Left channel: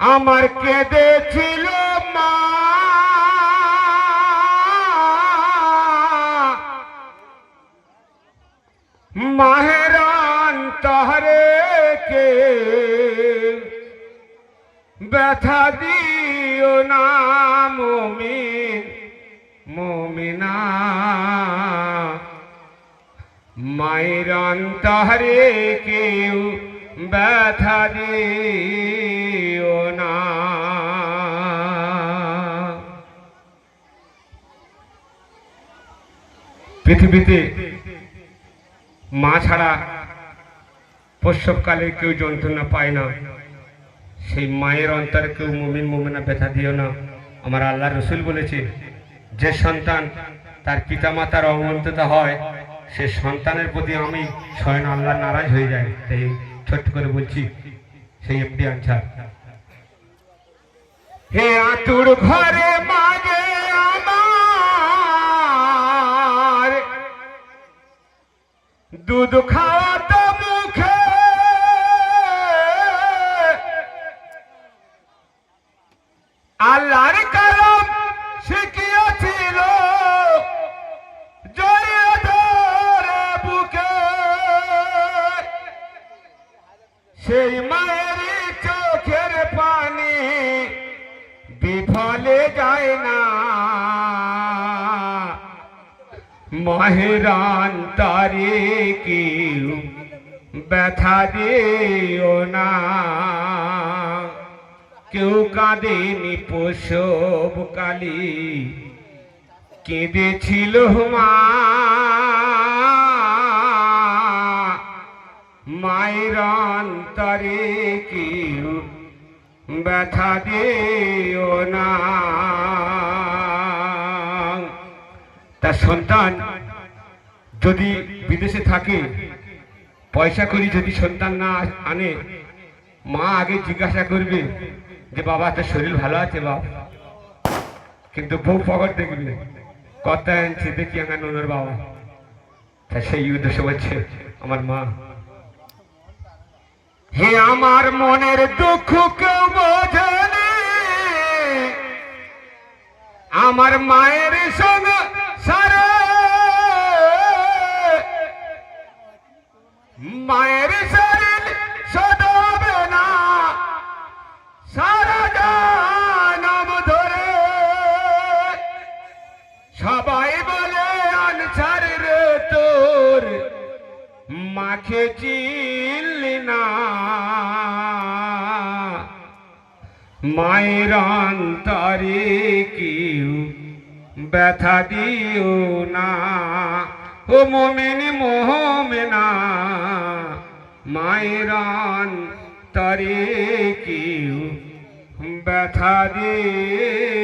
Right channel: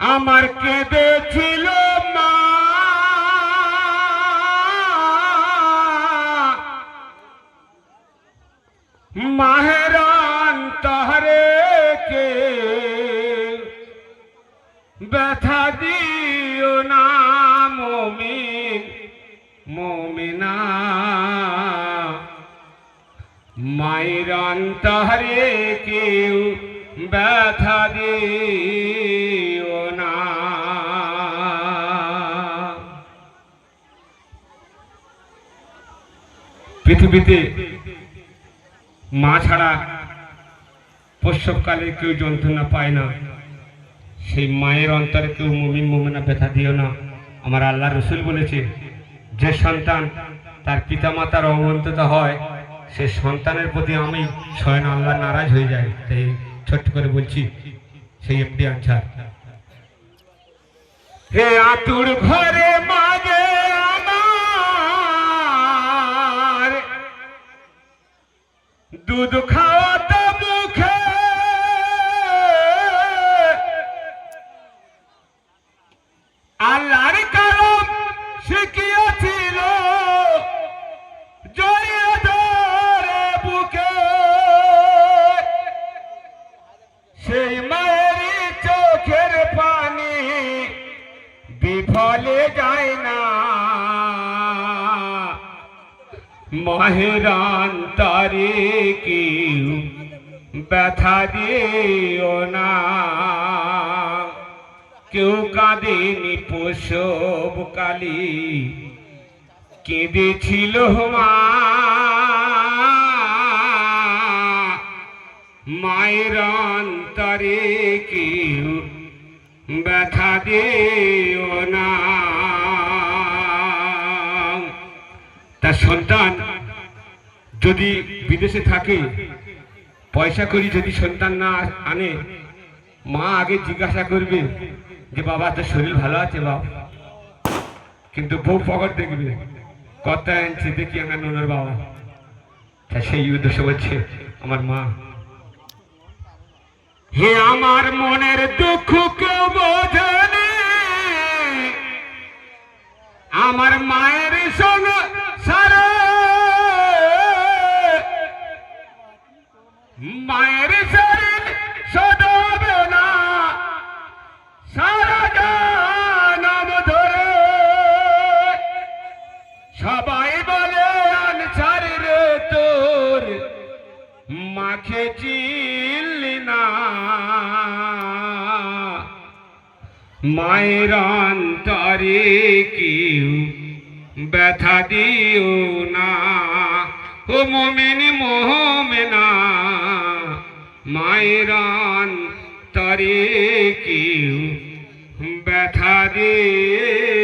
আমার কেঁদেছিল মা, মাহের অন্তরে কে ব্যথা দিও না মুমিন মুমিনা, মায়ের অন্তরে কেউ ব্যথা দিও না। পৃথিবীতে মা ছাড়া প্রসবকালে কেউ যন্ত্রণা পায় না, সেই মায়ের অন্তরে কেউ মুমিন মুমিনা ব্যথা দিও না। আমার আল্লাহ রসুল বলেছে, যে সন্তান তার পিতামাতার অবমাননা হয় সে সন্তানের প্রতি আমি স্বয়ং আল্লাহ নারাজ হয়ে যায়। তাই ছোট্ট করে বলছি, সেই এমডি আনসার। হে আতুর ঘরে মাঝে আমার দুধ খাওয়াতো মুখে, আল্লাহর কালাম শিখিয়েছিল জড়িয়ে ধরে বুকে, সেই মায়ের চোখের পানি বিফলে যায় না, মায়ের অন্তরে কেউ ব্যথা দিও না। কেউ কাঁদেনি প্রসব কালী, কেঁদেছিল মা, মায়ের অন্তরে কেউ ব্যথা দিও না। তার সন্তান যদি বিদেশে থাকে, পয়সা করি যদি সন্তান না আনে, মা আগে জিজ্ঞাসা করবে যে বাবা তোর শরীর ভালো আছে বাবা, কিন্তু বউ পকেট দেখবে কত আনছে দেখি আমার নোনার বাবা। তা সেই উদ্দেশ্য হচ্ছে আমার মা। হে আমার মনের দুঃখ কেউ বোঝেনি, আমার মায়ের সঙ্গে সারে, মায়ের শরীর সদাবে না সারা জানাম ধরে, সবাই বলে আনসার রে তোর মাকে চিনলি না, মায়ের অন্তরে কেউ ব্যথা দিও না। ও মুমিন মুমিনা, মায়ের অন্তরে কেউ ব্যথা দিও